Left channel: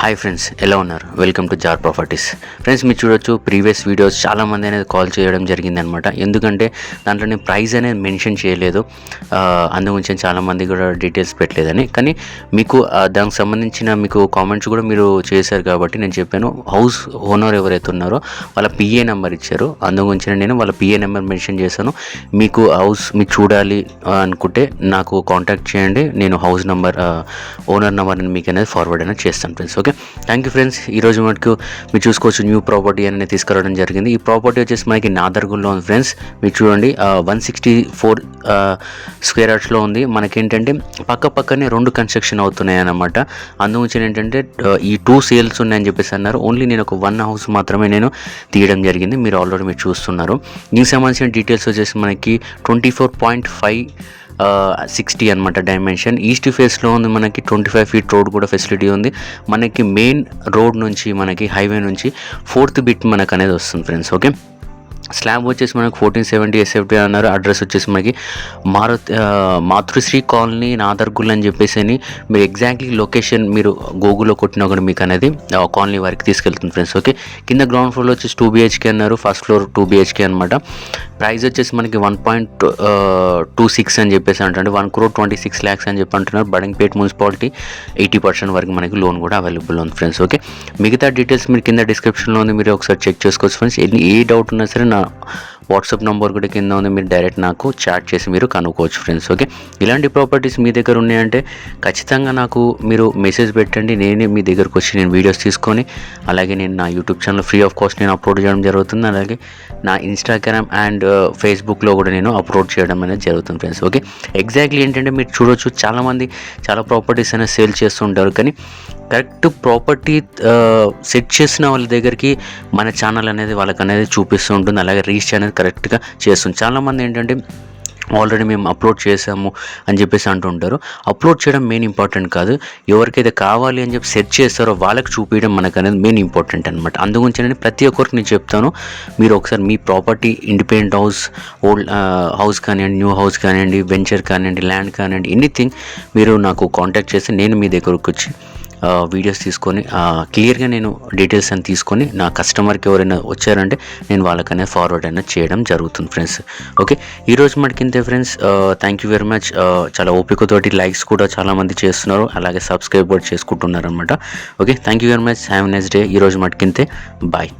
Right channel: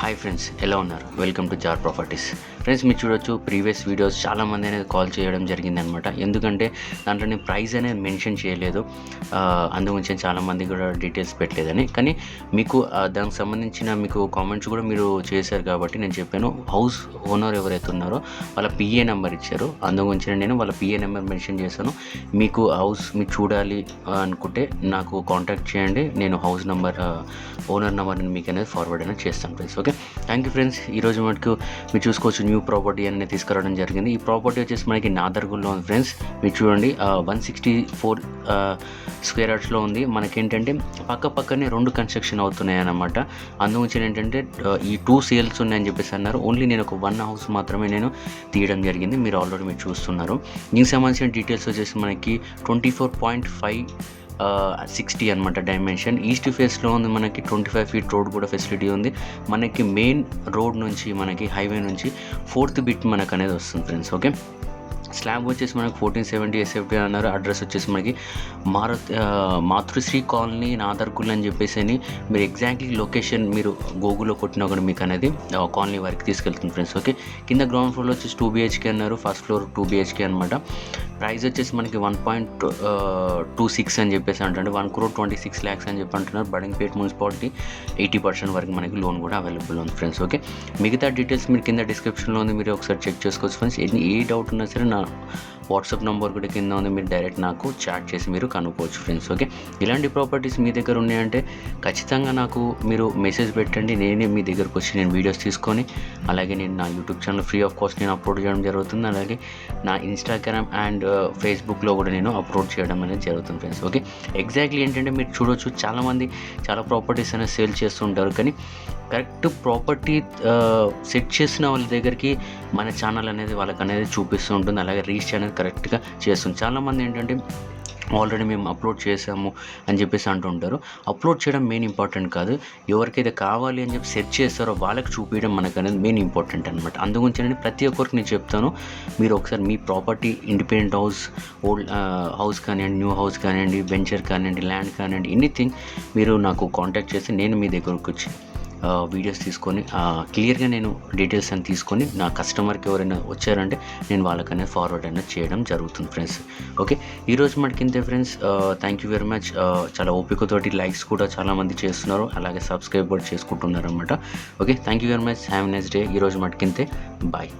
Hi friends, ఎలా ఉన్నారు? Welcome to Jar Properties. Friends, మీరు చూడొచ్చు ప్రీవియస్ వీడియోస్ చాలామంది అనేది కాల్ చేయడం జరిగిందనమాట. ఎందుకంటే దాంట్లో నేను ప్రైస్ అనేది మెన్షన్ చేయలేదు, అందుగురించి చాలామంది కూడా డీటెయిల్స్ పెట్టలేదని. కానీ మీకు దానికి సంబంధించిన మీకు కామెంట్స్ కూడా మీరు చేశారు కాబట్టి నేను చెప్పాను. హౌస్ ఓనర్ ఎవరైతే ఉన్నారో వాళ్ళ పిఏ నెంబర్ ఇచ్చారు, అందుగురించి నేను వాళ్ళ పిఏ నెంబర్ మెన్షన్ చేశాను. మీకు హౌస్ మీకు చూడాలి అనుకుంటే నాకు కాంటాక్ట్ చేయండి, నేను హౌస్ నెంబర్ ఓనర్ నెంబర్ని మీకు అనేది ఫార్వర్డ్ అనేది చేస్తాను friends. Okay, thank you friends. ఈరోజు మనకు మీరు చూసుకోవచ్చు న్యూ ప్రాపర్టీ అనేది తీసుకురావడం జరిగింది. ఈ ప్రాపర్టీ వచ్చేసి మనకి నాదర్గుల్లో ఉంది ఫ్రెండ్స్. మీరు చూడండి 164 స్క్వేర్ యార్డ్స్లో ఉంది. మనకేంటంటే పక్కనే 2 కన్స్ట్రక్షన్ అవుతున్నాయి అన్నమాట. అందుగురించి ఏంటంటే ఈ 2 సేల్స్ ఉన్నాయని చెప్పేసి అన్నారు. ఓన్లీ నేను ఒక 1 హౌస్ మాత్రమే నేను తీయడం జరిగింది. మీరు ఆల్రెడీ మీరు చూస్తున్నారు. దీనికి సంబంధించిన డీటెయిల్స్ వచ్చేసి మనకి 24.560 అనమాట డైమెన్షన్. ఈస్ట్ ఫేస్లో ఉంది. మనకి 25 ఫీట్ రోడ్ కూడా ఫెసిలిటీ ఉంది. మనకి మెయిన్ రోడ్ నుంచి మనకి హైవే నుంచి 4th బిట్ మనకు అనేది వస్తుంది ఫ్రెండ్స్. ఓకే, స్లాబ్ వచ్చేసి మనకు 1470 SFT అన్నారు. అడ్రస్ వచ్చేసి మనకి మాతృశ్రీ కాలనీ నాదర్గుల్ అని చెప్పేసి మీరు ఎగ్జాక్ట్లీ లొకేషన్ మీరు గూగుల్లో కొట్టినా కూడా మీకు అనేది కాలనీ వరకు తీసుకెళ్తుంది ఫ్రెండ్స్. ఓకే, కింద గ్రౌండ్ ఫ్లోర్ వచ్చేసి 2 BHK అన్నారు, ఫస్ట్ ఫ్లోర్ 2 BHK అనమాట. ప్రైస్ వచ్చేసి మనకి 1.26 అని చెప్పేసి అంటే 1,26 lakhs అని చెప్పి అంటున్నారు. బడంగపేట్ మున్సిపాలిటీ 80% వరకు మనకి లోన్ కూడా అవైలబుల్ ఉంది ఫ్రెండ్స్. ఓకే, మిగతా డీటెయిల్స్ మీరు కింద డిస్క్రిప్షన్లో ఉంది, మీరు ఒకసారి చెక్ చేసుకోవచ్చు ఫ్రెండ్స్. ఏ డౌట్ ఉన్నా సరే నా వాట్సాప్ నెంబర్ కూడా కింద ఉంది, మీరు డైరెక్ట్ నాకు చాట్ చేసి మీరు కనుక్కోవచ్చు ఫ్రెండ్స్. ఓకే, ఇలాంటి ప్రాపర్టీస్ మీ దగ్గర ఉన్నాయంటే ఖచ్చితంగా నాకు మీరు మెసేజ్ పెట్టండి. నేనే మీ దగ్గరకు వచ్చి నేను వీడియోస్ తీసుకొని అలాగే నేను నా YouTube channel free of cost నేను అప్లోడ్ చేయడం జరుగుతుంది. అలాగే నా ఇన్స్టాగ్రామ్ అండ్ ఫేస్బుక్లో కూడా నేను అప్లోడ్ చేయడం అనేది జరుగుతుంది ఫ్రెండ్స్. ఓకే, ఎగ్జాక్ట్లీ ఏంటంటే మీరు చూడొచ్చు చాలామంది చాలా ప్రాపర్టీస్ అనేది సేల్ చేస్తుంటారు, కానీ కరెక్ట్ ప్రాపర్టీ సెట్ చేసిన వాళ్ళ దగ్గరికి మన ఛానల్ అనేది వాళ్ళకి అనేది చూపిస్తూ ఉంటుంది. అలాగే రీచ్ అనేది కరెక్ట్గా చేస్తుంది. చాలామంది ఏంటంటే ఆల్రెడీ మేము అప్లోడ్ చేసాము అని చెప్పేసి అంటుంటారు. అప్లోడ్ చేయడం మెయిన్ ఇంపార్టెంట్ కాదు, ఎవరికైతే కావాలి అని చెప్పి సెట్ చేస్తారో వాళ్ళకి చూపించడం మనకు అనేది మెయిన్ ఇంపార్టెంట్ అనమాట. అందుగురించి నేను ప్రతి ఒక్కరికి నేను చెప్తాను, మీరు ఒకసారి మీ property independent house, old house కానివ్వండి, న్యూ హౌస్ కానివ్వండి, వెంచర్ కానివ్వండి, ల్యాండ్ కానివ్వండి, ఎనీథింగ్ మీరు నాకు కాంటాక్ట్ చేసి నేను మీ దగ్గరకు వచ్చి వీడియోస్ తీసుకొని క్లియర్గా నేను డీటెయిల్స్ అని తీసుకొని నా కస్టమర్కి ఎవరైనా వచ్చారంటే నేను వాళ్ళకనే ఫార్వర్డ్ అనేది చేయడం జరుగుతుంది ఫ్రెండ్స్. ఓకే, ఈరోజు మనకింతే friends. Thank you very much. చాలా ఓపికతోటి లైక్స్ కూడా చాలామంది చేస్తున్నారు, అలాగే సబ్స్క్రైబ్ కూడా చేసుకుంటున్నారు అనమాట. Okay, thank you very much. Have a nice day. ఈరోజు మనకింతే. బాయ్.